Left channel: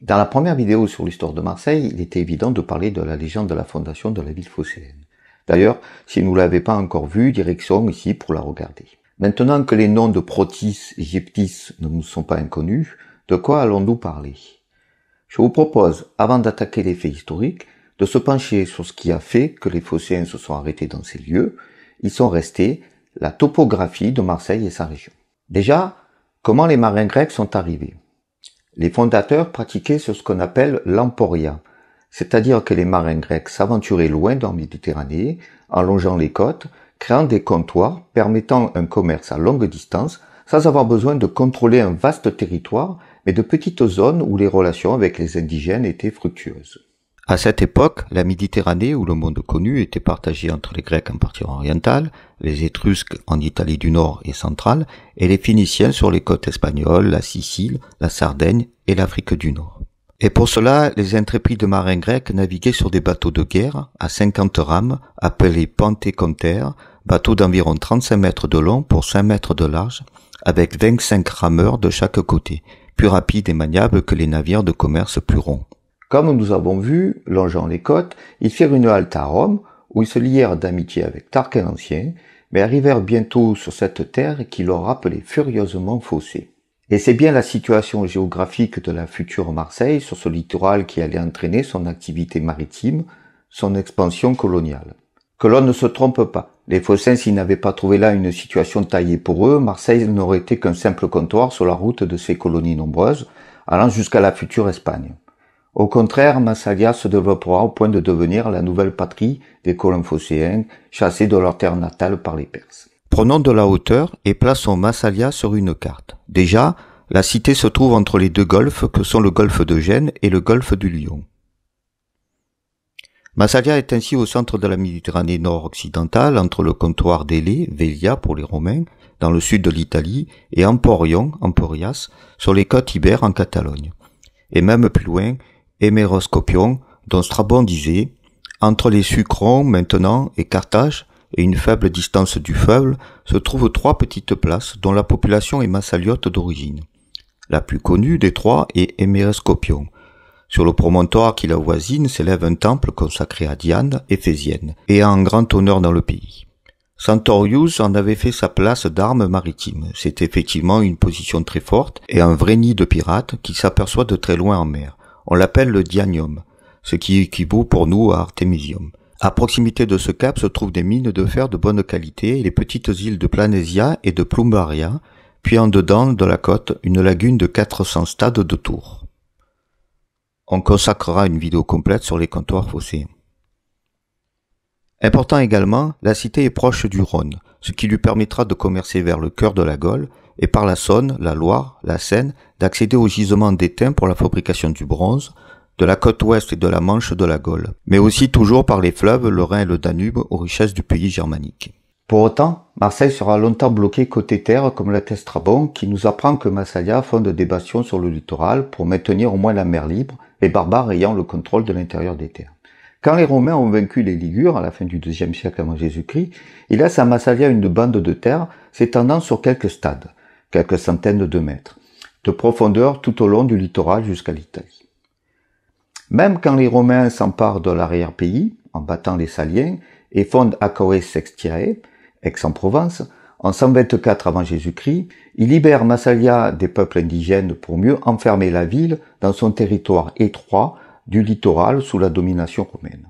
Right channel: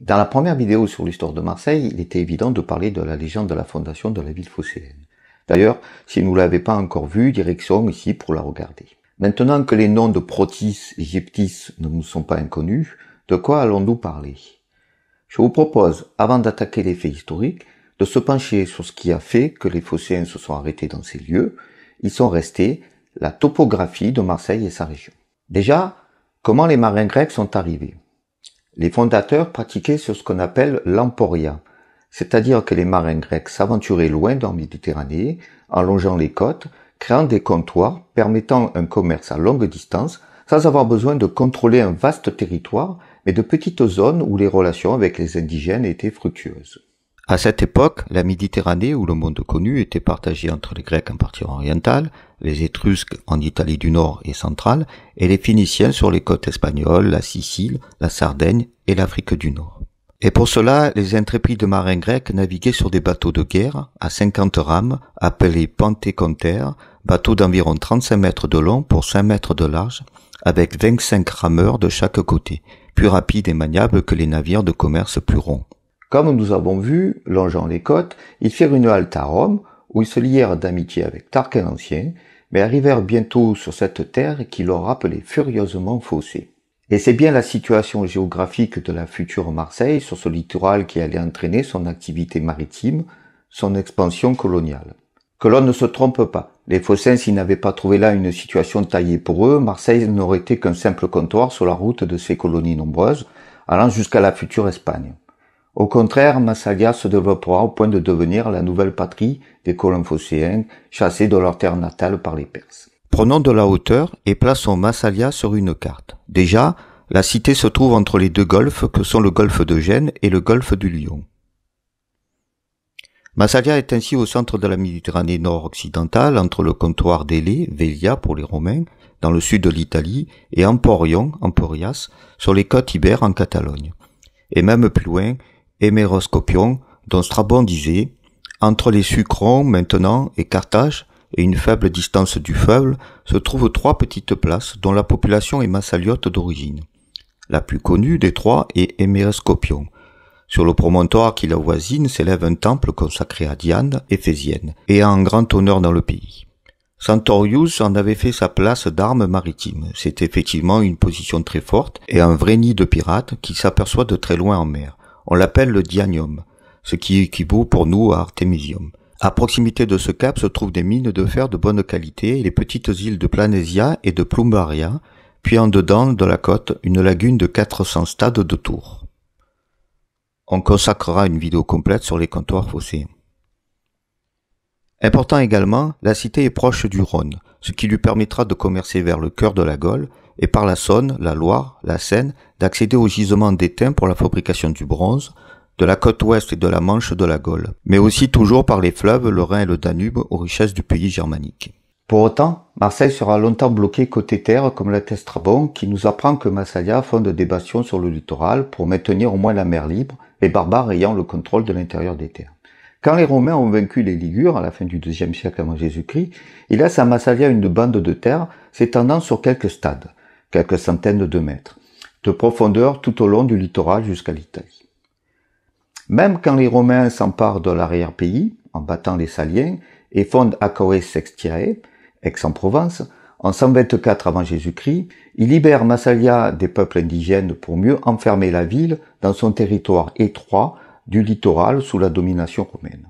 Dans la première vidéo sur l'histoire de Marseille, il était évident de parler de la légende de la fondation de la ville phocéenne. D'ailleurs, si vous ne l'avez pas encore vue, direction ici pour la regarder. Maintenant que les noms de Protis et Gyptis ne nous sont pas inconnus, de quoi allons-nous parler? Je vous propose, avant d'attaquer les faits historiques, de se pencher sur ce qui a fait que les Phocéens se sont arrêtés dans ces lieux. Ils sont restés, la topographie de Marseille et sa région. Déjà, comment les marins grecs sont arrivés? Les fondateurs pratiquaient ce qu'on appelle l'emporia, c'est-à-dire que les marins grecs s'aventuraient loin dans la Méditerranée, en longeant les côtes, créant des comptoirs permettant un commerce à longue distance, sans avoir besoin de contrôler un vaste territoire, mais de petites zones où les relations avec les indigènes étaient fructueuses. À cette époque, la Méditerranée, ou le monde connu, était partagée entre les Grecs en partie orientale, les Étrusques en Italie du Nord et centrale, et les Phéniciens sur les côtes espagnoles, la Sicile, la Sardaigne et l'Afrique du Nord. Et pour cela, les intrépides marins grecs naviguaient sur des bateaux de guerre à 50 rames, appelés pentécontères, bateaux d'environ 35 mètres de long pour 5 mètres de large, avec 25 rameurs de chaque côté, plus rapides et maniables que les navires de commerce plus ronds. Comme nous avons vu, longeant les côtes, ils firent une halte à Rome, où ils se lièrent d'amitié avec Tarquin l'Ancien, mais arrivèrent bientôt sur cette terre qui leur rappelait furieusement Phocée. Et c'est bien la situation géographique de la future Marseille sur ce littoral qui allait entraîner son activité maritime, son expansion coloniale. Que l'on ne se trompe pas, les Phocéens, s'ils n'avaient pas trouvé là une situation taillée pour eux, Marseille n'aurait été qu'un simple comptoir sur la route de ces colonies nombreuses, allant jusqu'à la future Espagne. Au contraire, Massalia se développera au point de devenir la nouvelle patrie des colons phocéens, chassés de leur terre natale par les Perses. Prenons de la hauteur et plaçons Massalia sur une carte. Déjà, la cité se trouve entre les deux golfes que sont le golfe de Gênes et le golfe du Lion. Massalia est ainsi au centre de la Méditerranée nord-occidentale, entre le comptoir d'Élée, Velia pour les Romains, dans le sud de l'Italie, et Emporion, Emporias, sur les côtes ibères en Catalogne. Et même plus loin, Héméroscopion, dont Strabon disait « Entre les Sucrons maintenant et Carthage, et une faible distance du fleuve, se trouvent 3 petites places dont la population est massaliote d'origine. La plus connue des 3 est Héméroscopion. Sur le promontoire qui l'avoisine s'élève un temple consacré à Diane, éphésienne, et en grand honneur dans le pays. Santorius en avait fait sa place d'armes maritimes. C'est effectivement une position très forte et un vrai nid de pirates qui s'aperçoit de très loin en mer. On l'appelle le Dianium, ce qui équivaut pour nous à Artemisium. À proximité de ce cap se trouvent des mines de fer de bonne qualité et les petites îles de Planésia et de Plumbaria, puis en dedans de la côte, une lagune de 400 stades de tours. On consacrera une vidéo complète sur les comptoirs phocéens. Important également, la cité est proche du Rhône, ce qui lui permettra de commercer vers le cœur de la Gaule et par la Saône, la Loire, la Seine, d'accéder aux gisements d'étain pour la fabrication du bronze, de la côte ouest et de la Manche de la Gaule, mais aussi toujours par les fleuves, le Rhin et le Danube aux richesses du pays germanique. Pour autant, Marseille sera longtemps bloquée côté terre comme l'atteste Strabon qui nous apprend que Massalia fonde des bastions sur le littoral pour maintenir au moins la mer libre, les barbares ayant le contrôle de l'intérieur des terres. Quand les Romains ont vaincu les Ligures à la fin du IIe siècle avant Jésus-Christ, ils laissent à Massalia une bande de terre s'étendant sur quelques stades, quelques centaines de mètres, de profondeur tout au long du littoral jusqu'à l'Italie. Même quand les Romains s'emparent de l'arrière-pays, en battant les Saliens, et fondent Acaoe Sextiae, Aix-en-Provence, en 124 avant Jésus-Christ, ils libèrent Massalia des peuples indigènes pour mieux enfermer la ville dans son territoire étroit du littoral sous la domination romaine.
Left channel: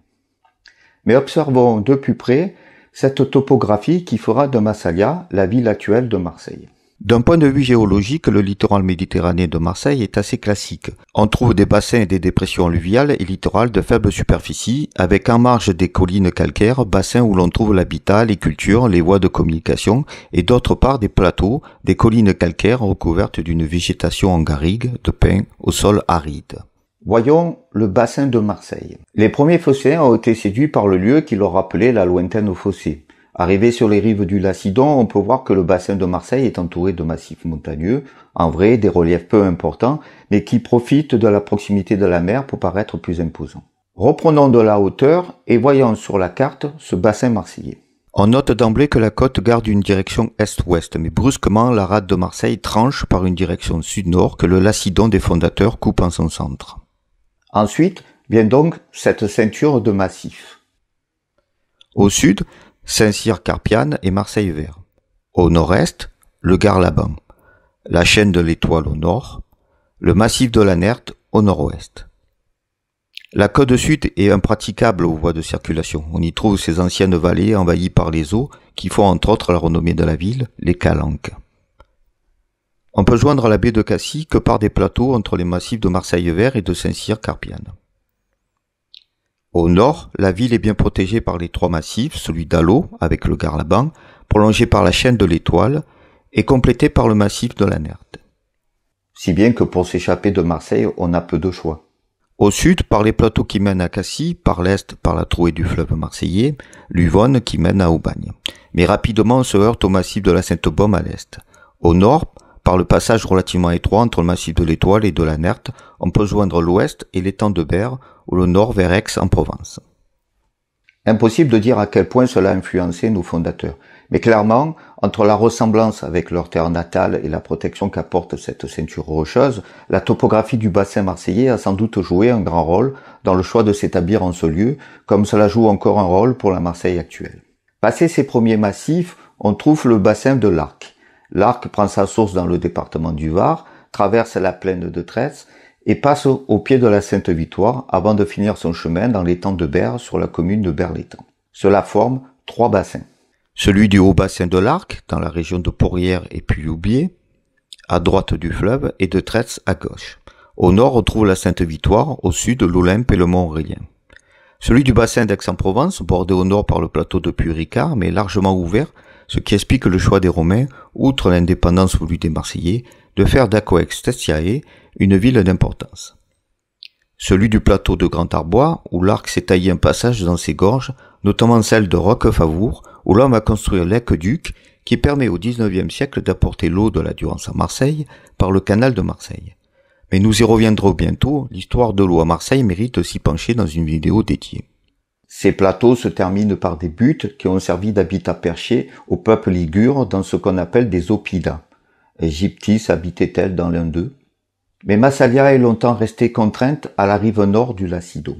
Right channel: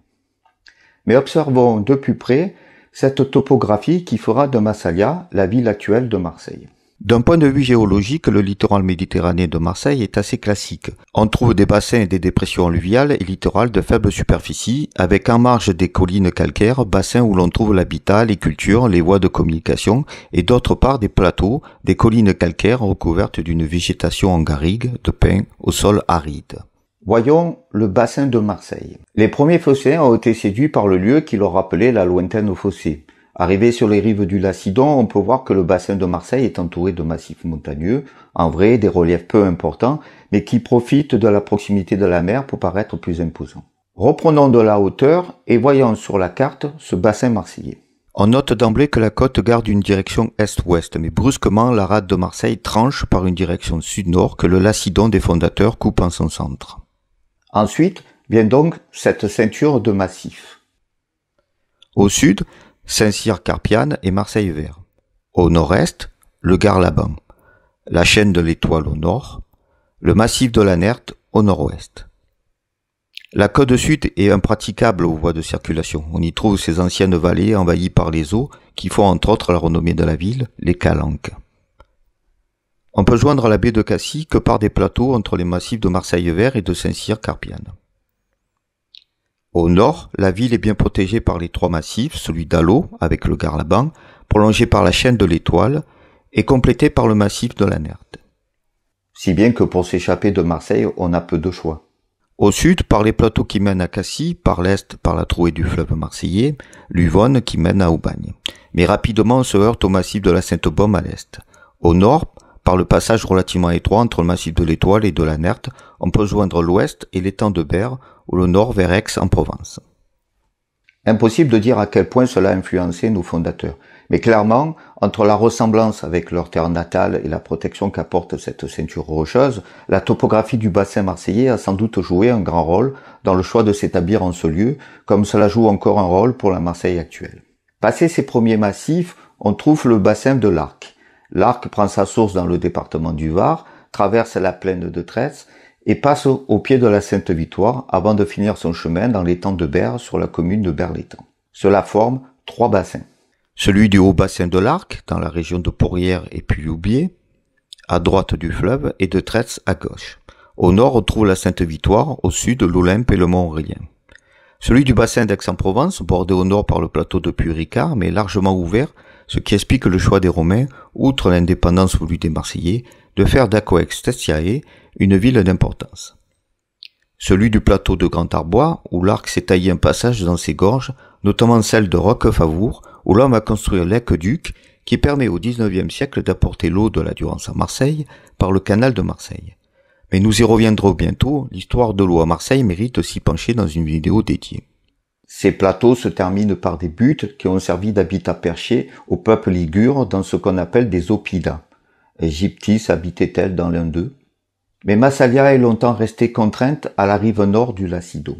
Mais observons de plus près cette topographie qui fera de Massalia la ville actuelle de Marseille. D'un point de vue géologique, le littoral méditerranéen de Marseille est assez classique. On trouve des bassins et des dépressions alluviales et littorales de faible superficie, avec en marge des collines calcaires, bassins où l'on trouve l'habitat, les cultures, les voies de communication, et d'autre part des plateaux, des collines calcaires recouvertes d'une végétation en garrigue, de pins, au sol aride. Voyons le bassin de Marseille. Les premiers phocéens ont été séduits par le lieu qui leur rappelait la lointaine Phocée. Arrivé sur les rives du Lacidon, on peut voir que le bassin de Marseille est entouré de massifs montagneux, en vrai des reliefs peu importants, mais qui profitent de la proximité de la mer pour paraître plus imposants. Reprenons de la hauteur et voyons sur la carte ce bassin marseillais. On note d'emblée que la côte garde une direction est-ouest, mais brusquement la rade de Marseille tranche par une direction sud-nord que le Lacidon des fondateurs coupe en son centre. Ensuite vient donc cette ceinture de massifs. Au sud, Saint-Cyr-Carpiane et Marseille-Vert. Au nord-est, le Gard-Laban, la chaîne de l'Étoile au nord, le massif de la Nerte au nord-ouest. La côte sud est impraticable aux voies de circulation. On y trouve ces anciennes vallées envahies par les eaux qui font entre autres la renommée de la ville, les Calanques. On peut joindre la baie de Cassis que par des plateaux entre les massifs de Marseille-Vert et de Saint-Cyr-Carpiane. Au nord, la ville est bien protégée par les trois massifs, celui d'Allot avec le Gard-Laban, prolongé par la chaîne de l'Étoile et complété par le massif de la Nerte. Si bien que pour s'échapper de Marseille, on a peu de choix. Au sud, par les plateaux qui mènent à Cassis, par l'est, par la trouée du fleuve marseillais, l'Uvonne qui mène à Aubagne. Mais rapidement, on se heurte au massif de la Sainte-Baume à l'est. Au nord, par le passage relativement étroit entre le massif de l'Étoile et de la Nerte, on peut joindre l'ouest et l'étang de Berre, ou le nord vers Aix en Provence. Impossible de dire à quel point cela a influencé nos fondateurs. Mais clairement, entre la ressemblance avec leur terre natale et la protection qu'apporte cette ceinture rocheuse, la topographie du bassin marseillais a sans doute joué un grand rôle dans le choix de s'établir en ce lieu, comme cela joue encore un rôle pour la Marseille actuelle. Passé ces premiers massifs, on trouve le bassin de l'Arc. L'Arc prend sa source dans le département du Var, traverse la plaine de Tresse et passe au pied de la Sainte-Victoire avant de finir son chemin dans l'étang de Berre sur la commune de Berre-l'Étang. Cela forme trois bassins. Celui du haut bassin de l'Arc, dans la région de Pourrières et Puy-Loubier, à droite du fleuve, et de Tresse à gauche. Au nord, on trouve la Sainte-Victoire, au sud, l'Olympe et le Mont-Aurélien. Celui du bassin d'Aix-en-Provence, bordé au nord par le plateau de Puy-Ricard, mais largement ouvert, ce qui explique le choix des Romains, outre l'indépendance voulue des Marseillais, de faire d'Aquae-Testiae une ville d'importance. Celui du plateau de Grand Arbois, où l'Arc s'est taillé un passage dans ses gorges, notamment celle de Roquefavour, où l'homme a construit l'aqueduc qui permet au XIXe siècle d'apporter l'eau de la Durance à Marseille par le canal de Marseille. Mais nous y reviendrons bientôt, l'histoire de l'eau à Marseille mérite s'y pencher dans une vidéo dédiée. Ces plateaux se terminent par des buttes qui ont servi d'habitat perché au peuple ligure dans ce qu'on appelle des oppidas. Égyptis habitait-elle dans l'un d'eux? Mais Massalia est longtemps restée contrainte à la rive nord du Lacidon.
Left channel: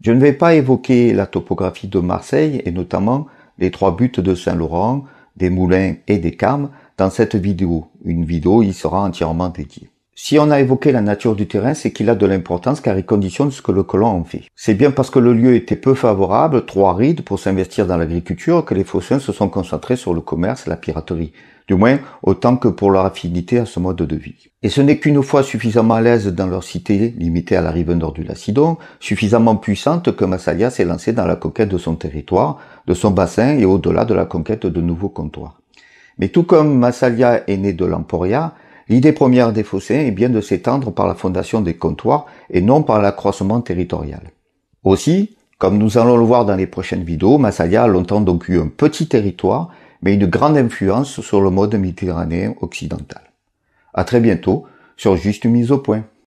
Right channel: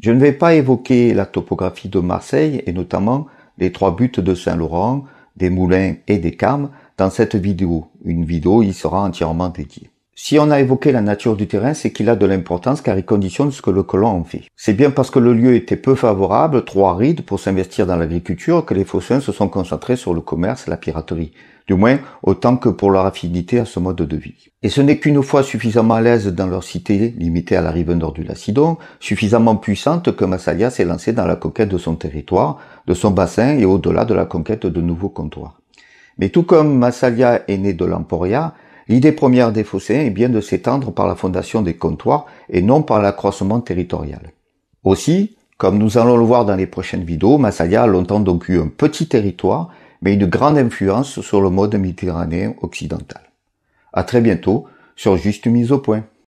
Je ne vais pas évoquer la topographie de Marseille et notamment les trois buttes de Saint-Laurent, des Moulins et des Carmes dans cette vidéo. Une vidéo y sera entièrement dédiée. Si on a évoqué la nature du terrain, c'est qu'il a de l'importance car il conditionne ce que le colon en fait. C'est bien parce que le lieu était peu favorable, trop aride pour s'investir dans l'agriculture que les Phocéens se sont concentrés sur le commerce et la piraterie. Du moins, autant que pour leur affinité à ce mode de vie. Et ce n'est qu'une fois suffisamment à l'aise dans leur cité, limitée à la rive nord du Lacidon, suffisamment puissante que Massalia s'est lancé dans la conquête de son territoire, de son bassin et au-delà de la conquête de nouveaux comptoirs. Mais tout comme Massalia est né de l'Emporia, l'idée première des Phocéens est bien de s'étendre par la fondation des comptoirs et non par l'accroissement territorial. Aussi, comme nous allons le voir dans les prochaines vidéos, Massalia a longtemps donc eu un petit territoire, mais une grande influence sur le mode méditerranéen occidental. À très bientôt sur Juste Mise au Point.